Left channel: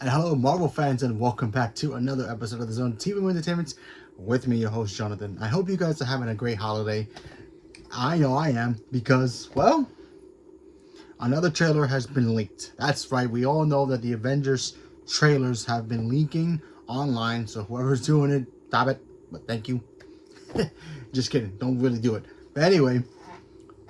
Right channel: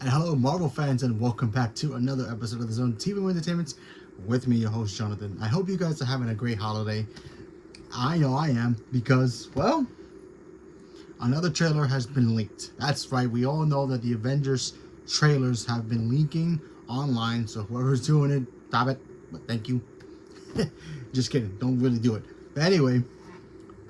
And hello, Marvel fans, and welcome back to another episode of the Zone TV Entertainment with me, your host, Jonathan. I hope you guys are having a great holiday. I know I am because, well, another trailer has been leaked. That's right, we all know that the Avengers trailers have been leaking online, so whoever's doing it, stop it. But thank you. Just kidding, don't really do it. But anyway,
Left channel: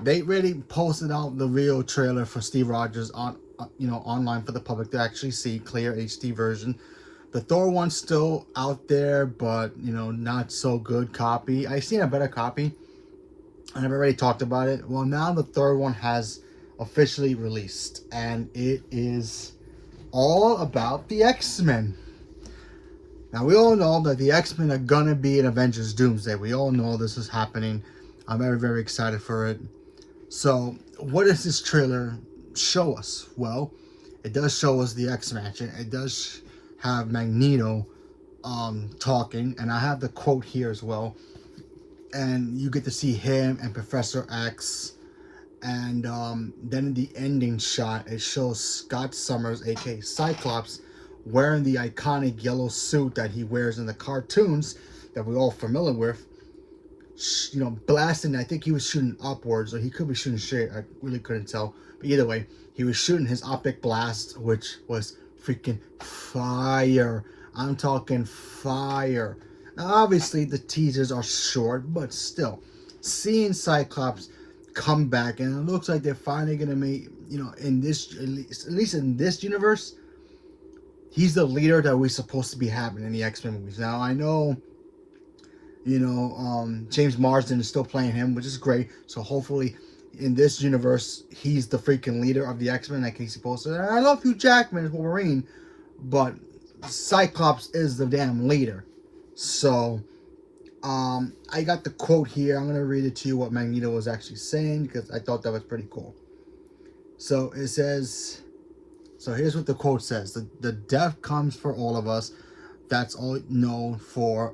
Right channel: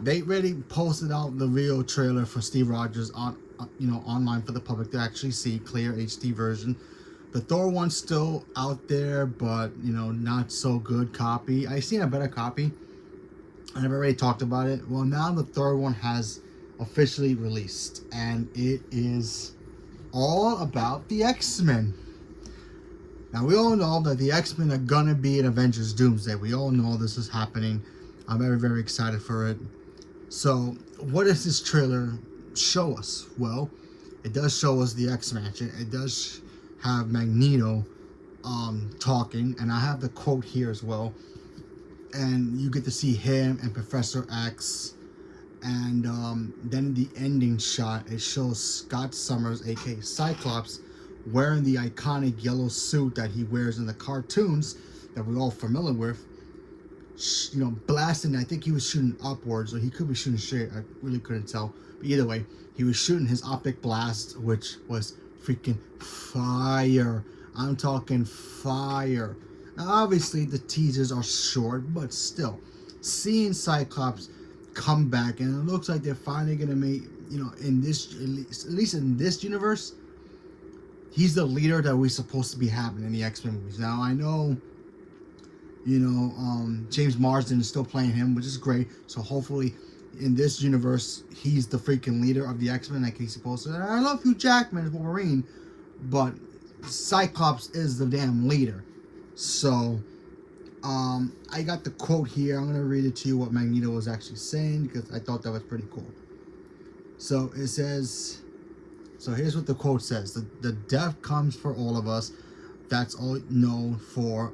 they really posted out the real trailer for Steve Rogers on online for the public to actually see, clear HD version. The Thor one's still out there, but not so good copy. I seen a better copy, and I've already talked about it. Well, now the third one has officially released, and it is all about the X-Men. Now, we all know that the X-Men are gonna be in Avengers Doomsday. We all know this is happening. I'm very, very excited for it. So, what does this trailer show us? Well, it does show us the X Mansion. It does have Magneto talking, and I have the quote here as well. And you get to see him and Professor X. And then in the ending shot, it shows Scott Summers, aka Cyclops, wearing the iconic yellow suit that he wears in the cartoons that we're all familiar with. Blasting. I think he was shooting upwards, or he could be shooting straight. I really couldn't tell. But either way, he was shooting his optic blast, which was freaking fire. I'm talking fire. Now, obviously, the teasers are short, but still, seeing Cyclops come back, and it looks like they're finally gonna make, in this, at least in this universe, he's the leader that we're supposed to be having in the X-Men movies. Now, I know. James Marsden is still playing him, which is great. So hopefully, in this universe, he's the freaking leader of the X-Men, like he's supposed to. And I love Hugh Jackman as Wolverine, but Cyclops is the damn leader. So, I got the quote here. I'm gonna read it to you what Magneto was actually saying because I thought that was pretty cool. So it says. So here's what the quote says: the death comes for all of us. That's all known for.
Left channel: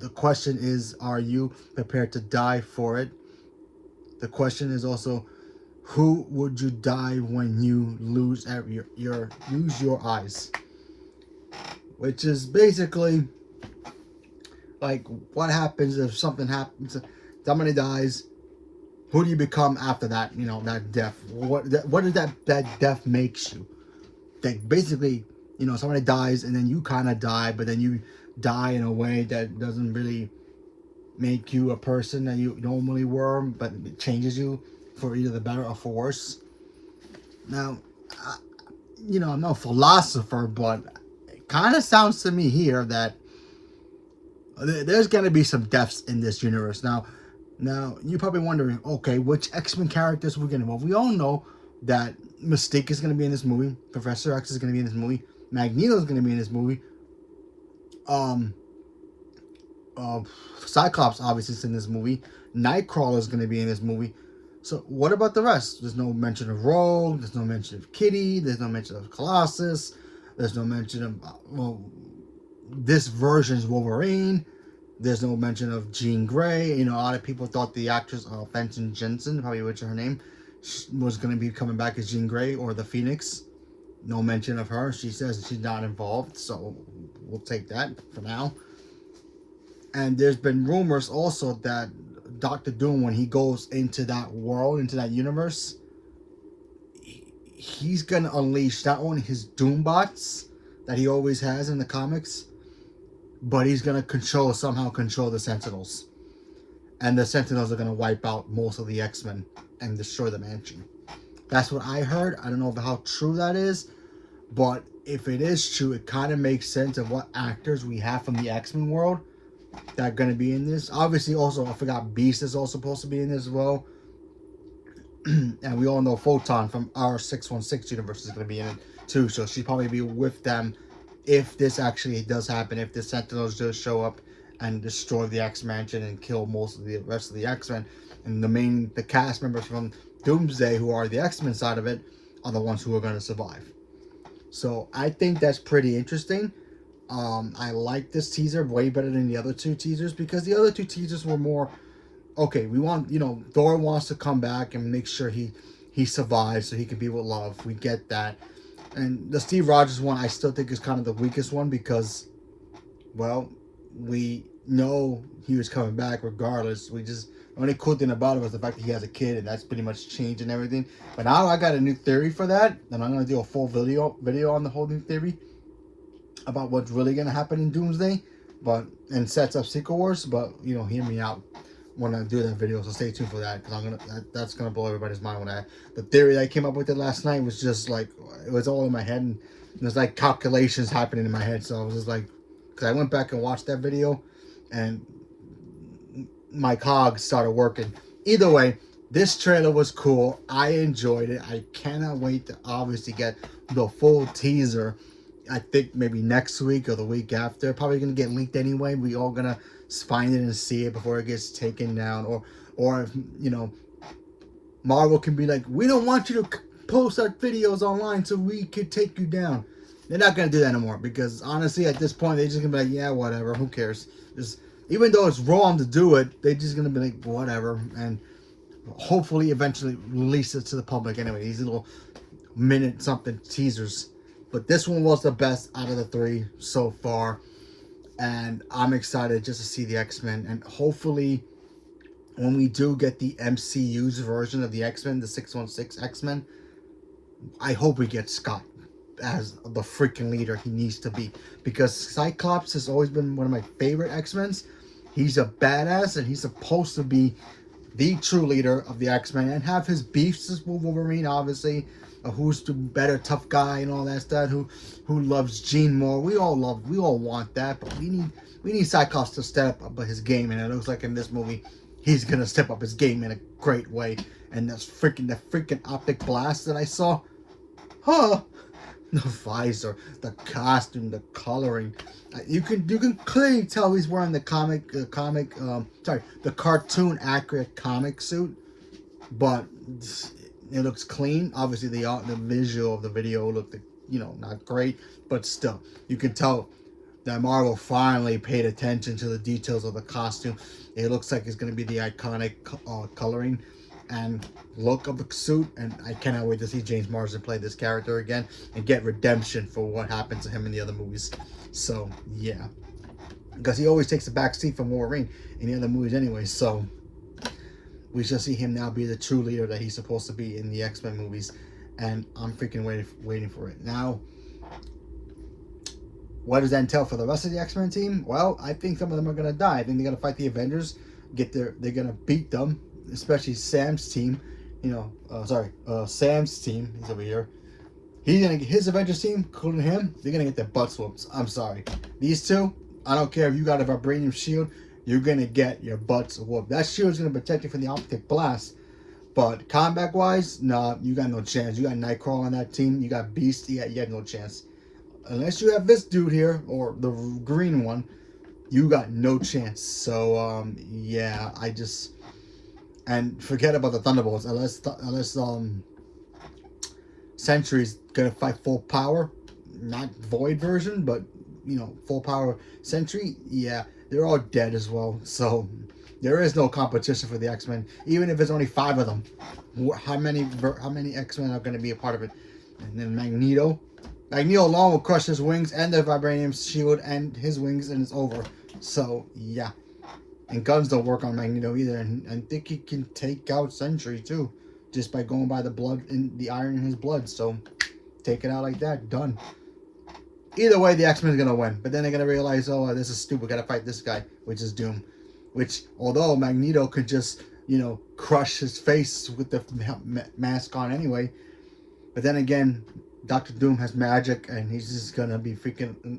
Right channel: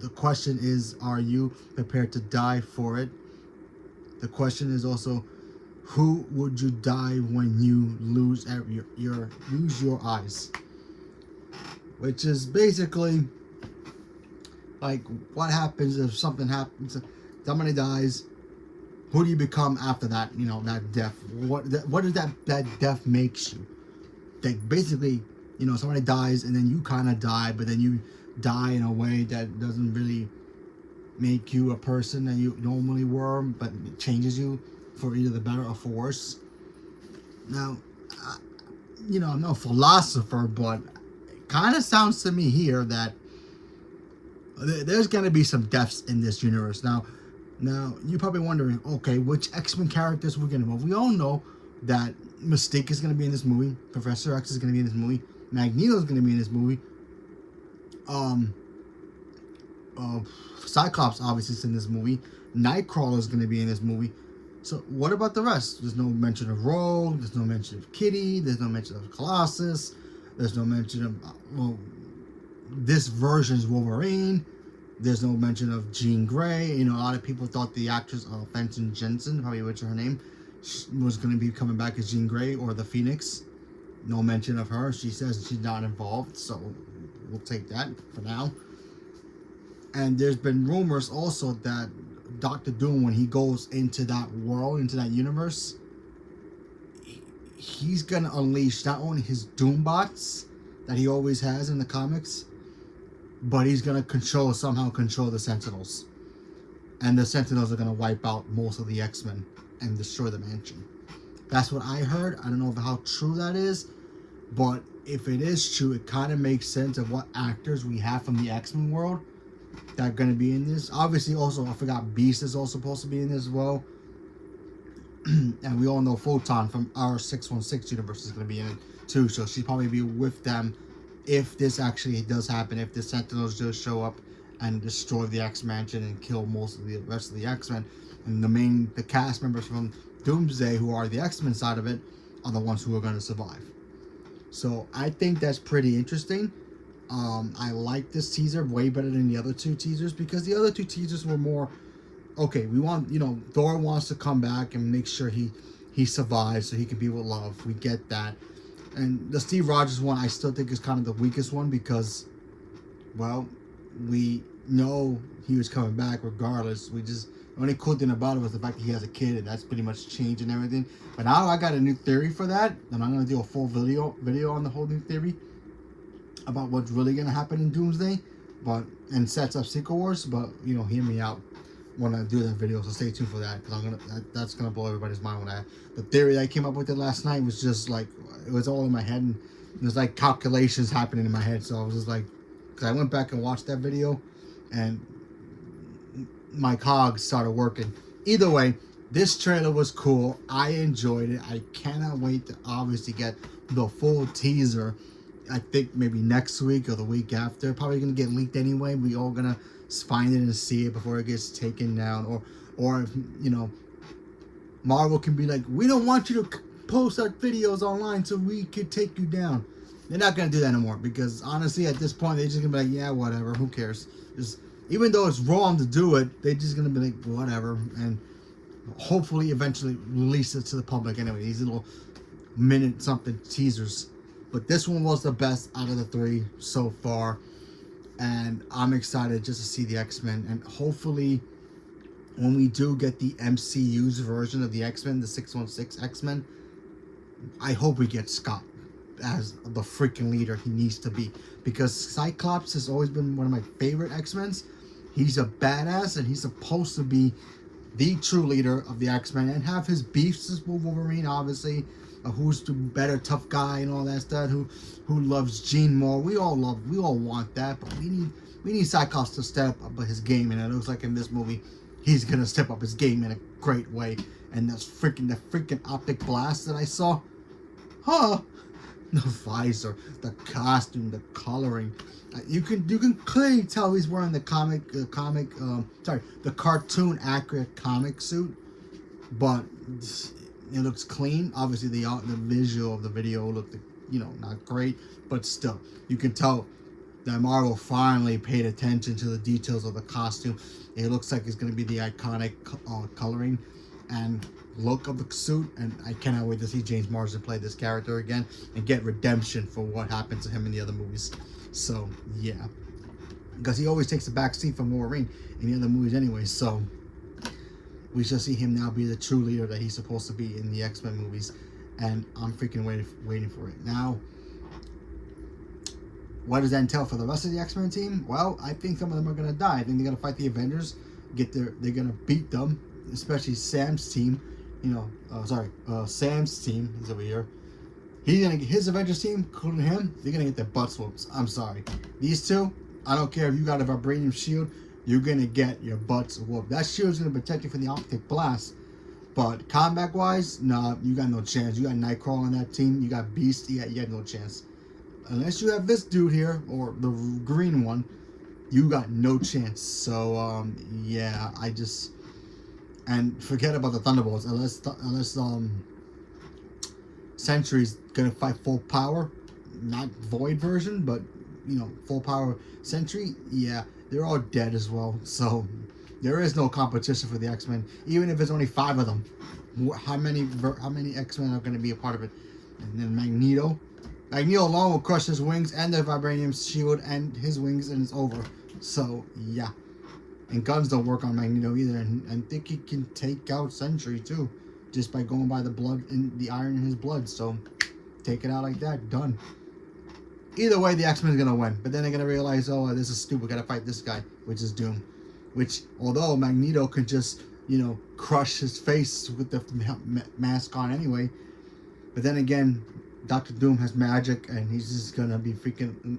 The question is, are you prepared to die for it? The question is also, who would you die when you lose your eyes? Which is basically like, what happens if something happens, somebody dies, who do you become after that? That death. What does that death makes you? That basically, somebody dies and then you kind of die, but then you die in a way that doesn't really make you a person that you normally were, but it changes you for either the better or for worse. Now, I'm no philosopher, but it kind of sounds to me here that there's going to be some deaths in this universe. Now, you're probably wondering, okay, which X-Men characters we're going to. Well, we all know that Mystique is going to be in this movie. Professor X is going to be in this movie. Magneto is going to be in this movie. Cyclops obviously is in this movie. Nightcrawler is going to be in this movie. So what about the rest? There's no mention of Rogue. There's no mention of Kitty. There's no mention of Colossus. There's no mention of this version's Wolverine. There's no mention of Jean Grey. A lot of people thought the actress Fenton Jensen, probably butcher her name, was going to be coming back as Jean Grey or the Phoenix. No mention of her. She says she's not involved, so we'll take that for now. And there's been rumors also that Doctor Doom, when he goes into that world, into that universe, he's going to unleash not only his Doombots that he always has in the comics, but he's going to somehow control the Sentinels. And the Sentinels are going to wipe out most of the X-Men and destroy the mansion. That's what I heard. I don't know how true that is, but if it is true, it kind of makes sense of what actors we have from the X-Men world that are going to be in this. Obviously, also, I forgot Beast is also supposed to be in this as well. And we all know Photon from our 616 universe is going to be in it too, so she'll probably be with them if this actually does happen, if the Sentinels just show up and destroy the X-Mansion and kill most of the rest of the X-Men. And the cast members from Doomsday, who are the X-Men side of it, are the ones who are going to survive. So I think that's pretty interesting. I like this teaser way better than the other two teasers, because the other two teasers were more, okay, we want, Thor wants to come back and make sure he survives so he can be with love. We get that. And the Steve Rogers one, I still think is kind of the weakest one because, well, we know he was coming back regardless. We just the only cool thing about it was the fact that he has a kid, and that's pretty much changed and everything. But now I got a new theory for that, and I'm gonna do a full video on the whole new theory about what's really gonna happen in Doomsday, but and sets up Secret Wars. But hear me out when I do that video, so stay tuned for that because that's gonna blow everybody's mind. The theory that I came up with it last night was just like it was all in my head, and there's like calculations happening in my head. So I was just like, because I went back and watched that video, and my cogs started working. Either way, this trailer was cool. I enjoyed it. I cannot wait to obviously get the full teaser. I think maybe next week or the week after. Probably gonna get leaked anyway. We all gonna find it and see it before it gets taken down, or if Marvel can be like, we don't want you to post our videos online so we could take you down. They're not gonna do that anymore because honestly, at this point, they're just gonna be like, yeah, whatever, who cares? Just even though it's wrong to do it, they're just gonna be like, whatever, and hopefully, eventually release it to the public anyway. These little minute something teasers, but this one was the best out of the three so far. And I'm excited just to see the X-Men. And hopefully, when we do get the MCU's version of the X-Men, the 616 X-Men, I hope we get Scott as the freaking leader he needs to be. Because Cyclops has always been one of my favorite X-Men. He's a badass, and he's supposed to be the true leader of the X-Men and have his beefs with Wolverine, obviously. Who's the better tough guy and all that stuff, who loves Jean more. We all want that, but we need Cyclops to step up his game, and it looks like in this movie he's gonna step up his game in a great way. And the freaking optic blast that I saw, the visor, the costume, the coloring, you can clearly tell he's wearing the the cartoon accurate comic suit, but it looks clean. Obviously, the visual of the video looked, not great, but still, you can tell that Marvel finally paid attention to the details of the costume. It looks like it's going to be the iconic coloring and look of the suit, and I cannot wait to see James Marsden play this character again and get redemption for what happened to him in the other movies. So, yeah. Because he always takes a back seat from Wolverine in the other movies anyway, so we shall see him now be the true leader that he's supposed to be in the X-Men movies, and I'm freaking waiting for it. Now, what does that entail for the rest of the X-Men team? Well, I think some of them are gonna die. I think they're gonna fight the Avengers, they're gonna beat them, especially Sam's team. Sam's team. He's over here. He's gonna get his Avengers team, including him. They're gonna get their butts whooped. I'm sorry. These two, I don't care if you got a vibranium shield. You're going to get your butts whooped. That shield's going to protect you from the optic blast. But combat-wise, nah, you got no chance. You got Nightcrawler on that team. You got Beast. You got no chance. Unless you have this dude here, or the green one, you got no chance. So, yeah, and forget about the Thunderbolts. Unless Sentry's going to fight full power. Not Void version, but, full power Sentry. Yeah. They're all dead as well, so there is no competition for the X-Men. Even if it's only 5 of them, how many X-Men are going to be a part of it? And then Magneto alone will crush his wings and the vibranium shield and his wings, and it's over. So yeah, and guns don't work on Magneto either, and I think he can take out Sentry too, just by going by the blood and the iron in his blood. So take it out like that, done. Either way, the X-Men is going to win. But then they're going to realize, oh, this is stupid. Got to fight this guy, which is Doom. Which, although Magneto could just, crush his face with the mask on anyway. But then again, Dr. Doom has magic, and he's just going to be freaking...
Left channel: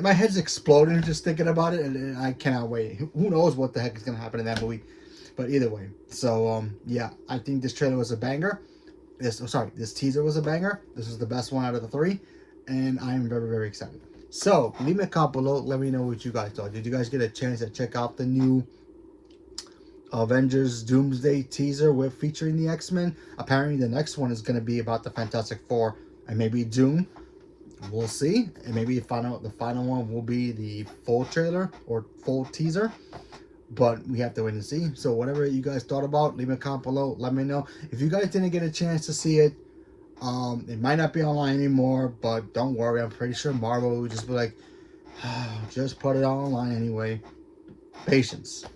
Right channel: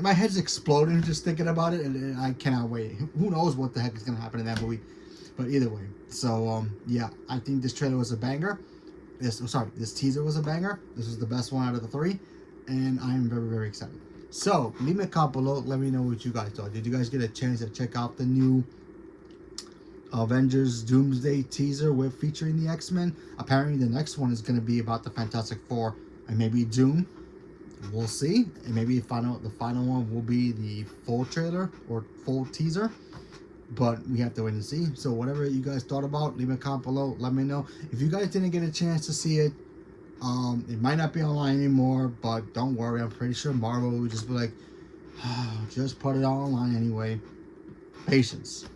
my head's exploding just thinking about it, and I cannot wait. Who knows what the heck is going to happen in that movie. But either way. So, yeah, I think this trailer was a banger. This teaser was a banger. This was the best one out of the 3, and I am very, very excited. So, leave me a comment below. Let me know what you guys thought. Did you guys get a chance to check out the new Avengers Doomsday teaser featuring the X-Men? Apparently, the next one is going to be about the Fantastic Four and maybe Doom. We'll see. And maybe the final one will be the full trailer or full teaser. But we have to wait and see. So whatever you guys thought about, leave a comment below. Let me know. If you guys didn't get a chance to see it, It might not be online anymore, but don't worry. I'm pretty sure Marvel would just be like, just put it online anyway. Patience.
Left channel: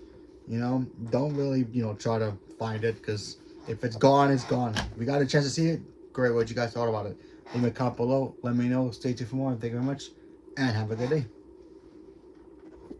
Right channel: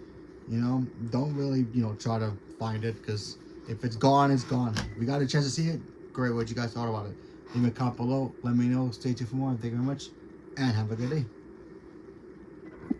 Don't really, try to find it, because if it's gone, it's gone. We got a chance to see it. Great. What you guys thought about it? Leave a comment below. Let me know. Stay tuned for more. Thank you very much, and have a good day.